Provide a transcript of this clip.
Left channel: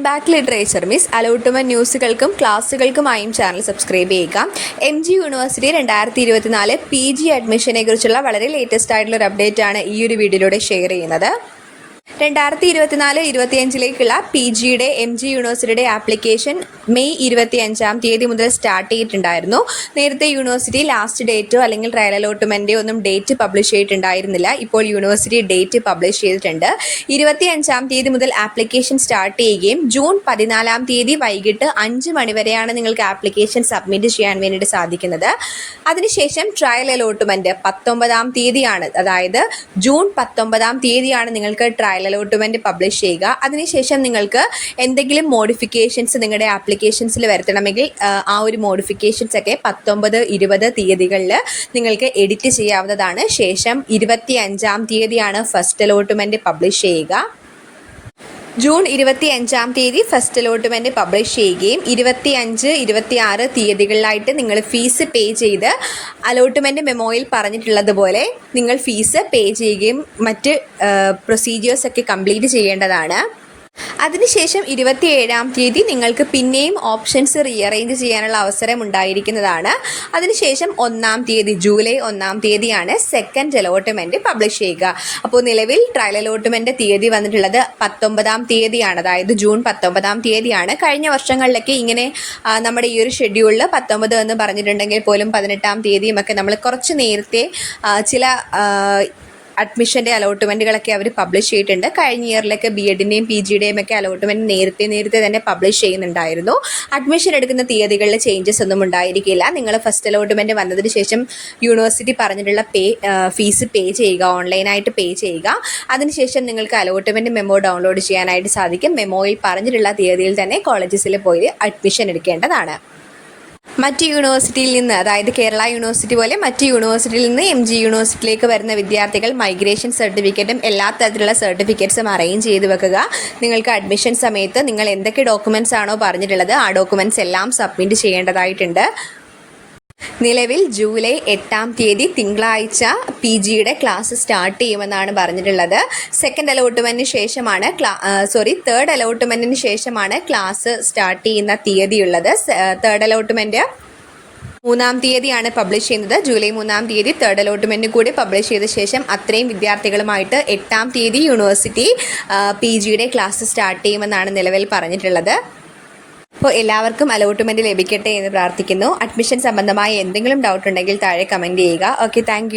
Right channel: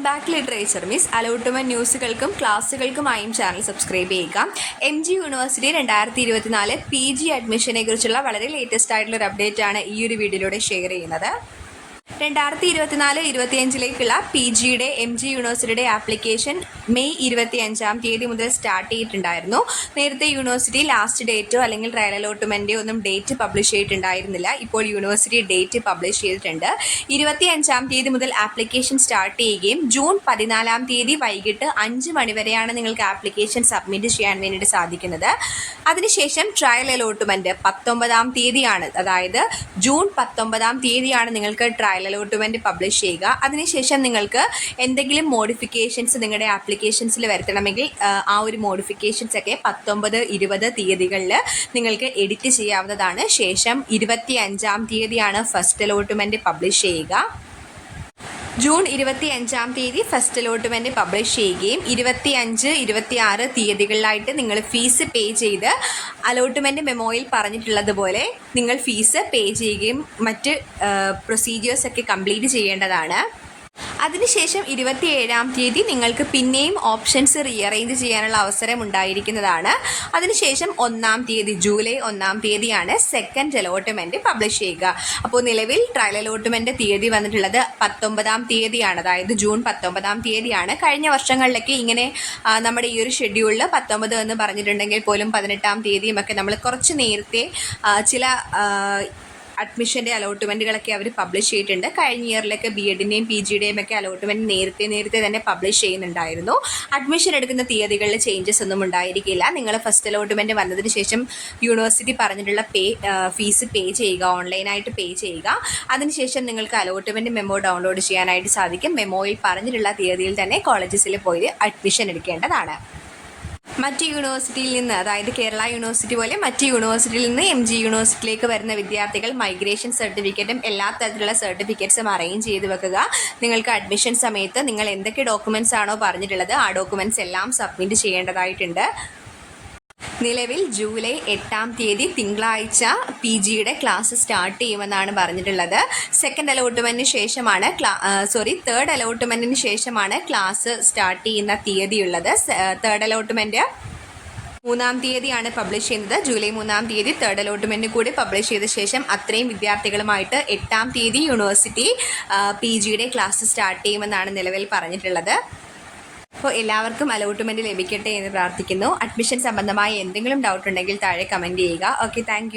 Welcome back literature miss allotment ന്യൂസുകൾക്കും ക്ലാസ്സുകൾക്കുമായും channel subscribe ചെയ്യുക. M G university രണ്ടായിരത്തി ഇരുപത്തിനാല് പി ജി അഡ്മിഷനെ കുറിച്ചുള്ള വളരെ ലേറ്റസ്റ്റ് ആയിട്ടുള്ള ഒരു അപ്ഡേറ്റ് ആണ് ഈ ഒരു വീഡിയോയിലൂടെ ഷെയർ ചെയ്യുന്നത്. രണ്ടായിരത്തി ഇരുപത്തിനാല് ഇരുപത്തിയഞ്ചിലേക്കുള്ള പി ജിയുടെ എം ജി യൂണിവേഴ്സിറ്റിയുടെ ആപ്ലിക്കേഷൻ മെയ് ഇരുപത്തി അഞ്ചാം തീയതി മുതൽ സ്റ്റാർട്ട് ചെയ്തിട്ടുണ്ടായിരുന്നു. നേരത്തെ യൂണിവേഴ്സിറ്റി ലാസ്റ്റ് ഡേറ്റോ അല്ലെങ്കിൽ ട്രയൽ അലോട്ട്മെന്റോ ഒന്നും ഡേറ്റ് പബ്ലിഷ് ചെയ്തിട്ടുണ്ടായിരുന്നില്ല. ഇപ്പോൾ യൂണിവേഴ്സിറ്റി ഡേറ്റ് പബ്ലിഷ് ചെയ്തിട്ടുണ്ട്. ഇരുപത്തി അഞ്ചാം തീയതി മുതൽ ആപ്ലിക്കേഷൻ സ്റ്റാർട്ട് ചെയ്യുകയും ജൂൺ പതിനാലാം തീയതി വൈകിട്ട് അഞ്ച് മണിവരെയാണ് നിങ്ങൾക്ക് ആപ്ലിക്കേഷൻ സബ്മിറ്റ് ചെയ്യാൻ വേണ്ടിയിട്ട് സാധിക്കുന്നത്. അതിനുശേഷം ട്രയൽ അലോട്ട്മെന്റ് പത്തൊമ്പതാം തീയതിയാണ്. അതായത് ജൂൺ പത്തൊമ്പതാം തീയതിയാണ് നിങ്ങൾക്ക് ട്രയൽ അലോട്ട്മെന്റ് പബ്ലിഷ് ചെയ്യുക. അതിനുശേഷം നിങ്ങൾക്ക് എന്തെങ്കിലും മോഡിഫിക്കേഷൻസ് നിങ്ങളുടെ ആപ്ലിക്കേഷൻസിൽ വരുത്തണമെങ്കിൽ ആ, ഒരു മോഡിഫിക്കേഷൻസ് ഒക്കെ പത്തൊമ്പത് ഇരുപത് തീയതികളിൽ നിങ്ങൾക്ക് എഡിറ്റ് ചെയ്യാവുന്നതാണ്. ശേഷം ഇരുപത്തി അഞ്ചാം തീയതിയാണ് ഫസ്റ്റ് അലോട്ട്മെന്റ് പബ്ലിഷ് ചെയ്യുക. ജൂൺ ഇരുപത്തി അഞ്ചാം തീയതി ഫസ്റ്റ് അലോട്ട്മെന്റ് പബ്ലിഷ് ചെയ്യുകയും ഇരുപത്തി അഞ്ച് ഇരുപത്തി ആറ് തീയതികളിലായിട്ട് നിങ്ങൾ ഫീസ് പേ ചെയ്ത് അലോട്ട്മെന്റ് മെമ്മോയിൽ പറഞ്ഞിട്ടുള്ളതുപോലെ നിങ്ങൾ ഫീസ് പേ ചെയ്യുകയും മറ്റ് പ്രൊസീജിയേഴ്സ് ഒക്കെ കംപ്ലീറ്റ് ചെയ്യേണ്ടതാണ്. അതിനുശേഷം ഇരുപത്തിയേഴാം തീയതി നിങ്ങൾക്ക് പിന്നെയും ഓപ്ഷൻസ് റീഅറേഞ്ച് ചെയ്യാനുള്ള അവസരം ഉണ്ടായിരിക്കുന്നതാണ്. അതിനുശേഷം ഒന്നാം തീയതി ജൂലൈ ഒന്നാം തീയതിയാണ് സെക്കൻഡ് അലോട്ട്മെന്റ് പബ്ലിഷ് ചെയ്യുക. അപ്പോൾ നിലവിൽ ട്രയൽ അലോട്ട്മെന്റ് തീയതി വന്നിട്ടുള്ളത് പത്തൊമ്പതാം തീയതിയാണ്. അതായത് ജൂൺ പത്തൊമ്പതാം തീയതിയാണ്. കഴിഞ്ഞ വർഷങ്ങളിലൊക്കെ ഇങ്ങനെ നമ്മുടെ ഈ ഒരു ഷെഡ്യൂളിൽ പത്തൊമ്പത് എന്ന് പറഞ്ഞിട്ടുണ്ടെങ്കിൽ പോലും പതിനെട്ടാം തീയതിയും ഒക്കെ നമ്മൾ കുറച്ച് നേരത്തെ ചില അഡ്മിഷന്റെ അലോട്ട്മെന്റുകളൊക്കെ അവർ പബ്ലിഷ് ചെയ്തിട്ടുണ്ട്. കഴിഞ്ഞ ഇയറിലൊക്കെ ബി എഡിന്റെയും പി ജിയുടെയും ഒക്കെ അലോട്ട്മെന്റ് നേരത്തെ നേരത്തെ തന്നെ പബ്ലിഷ് ചെയ്യുന്നുണ്ടായിരുന്നു. അഡ്മിഷൻ എടുക്കുന്ന തീയതികളിൽ ചേഞ്ചസ് ഒന്നും ഉണ്ടായിരിക്കില്ല. നിങ്ങൾ ഫസ്റ്റ് അലോട്ട്മെന്റ് വന്നതിന് ശേഷം യൂണിവേഴ്സിറ്റി പറഞ്ഞിട്ടുള്ള പേ ഫീസ് പേ ചെയ്യുക ഓൺലൈനായിട്ട് പേ ചെയ്യുക. അതിനുശേഷം നിങ്ങൾക്ക് അലോട്ട്മെന്റ് മെമ്മോ ഡൗൺലോഡ് ചെയ്യാനായിട്ട് സാധിക്കും. മെമ്മോയിൽ പറഞ്ഞിട്ടുള്ള തീയതിയിൽ തന്നെ കോളേജസിൽ പോയി അഡ്മിഷൻ എടുക്കേണ്ടതാണ്. മറ്റ് യൂണിവേഴ്സിറ്റിയിൽ നിന്ന് അതായത് കേരള യൂണിവേഴ്സിറ്റി പോലെ മറ്റ് യൂണിവേഴ്സിറ്റിയിൽ നിന്ന് എം ജി യൂണിവേഴ്സിറ്റിയിലേക്ക് വരുന്ന വിദ്യാർത്ഥികൾ മൈഗ്രേഷൻ സർട്ടിഫിക്കറ്റും എല്ലാ തരത്തിലുള്ള സർട്ടിഫിക്കറ്റ്സും അറേഞ്ച് ചെയ്ത് വെക്കുക. നിങ്ങൾക്ക് അഡ്മിഷൻ സമയത്ത് നിങ്ങൾ എന്തൊക്കെ ഡോക്യുമെന്റ്സ് ആണോ പറഞ്ഞിട്ടുള്ളത് ആ ഡോക്യുമെന്റ്സ് എല്ലാം സബ്മിറ്റ് ചെയ്യേണ്ടതായിട്ടുണ്ട്. നിലവിൽ ജൂലൈ എട്ടാം തീയതി തിങ്കളാഴ്ച പി ജിയുടെ ക്ലാസ് സ്റ്റാർട്ട് ചെയ്യുമെന്നാണ് പറഞ്ഞിട്ടുള്ളത്. സെക്കൻഡ് അലോട്ട്മെന്റിന് ശേഷമാണ് സോറി തേർഡ് അലോട്ട്മെന്റിന് ശേഷമാണ് ക്ലാസ് സ്റ്റാർട്ട് ചെയ്യുന്ന തീയതിയുള്ളത്. തേർഡ് അലോട്ട്മെന്റ് മൂന്നാം തീയതിയാണ് പബ്ലിഷ് ചെയ്യുന്നത്. ജൂലൈ മൂന്നാം തീയതി തേർഡ് അലോട്ട്മെന്റ് കൂടി പബ്ലിഷ് ചെയ്ത ശേഷം അത്രയും വിദ്യാർത്ഥികളുമായിട്ട് എട്ടാം തീയതി യൂണിവേഴ്സിറ്റി പി ജിയുടെ ക്ലാസ് സ്റ്റാർട്ട് ചെയ്യുമെന്നാണ് നിലവിൽ പറഞ്ഞിട്ടുള്ളത്. അപ്പോൾ എല്ലാവർക്കും അലോട്ട്മെന്റ് ലഭിക്കട്ടെ എന്ന് പ്രാർത്ഥിക്കുന്നു. അഡ്മിഷൻ സംബന്ധമായ എന്തെങ്കിലും ഡൗട്ട് ഉണ്ടെങ്കിൽ താഴെ കമന്റ് ചെയ്യുക. Okay thank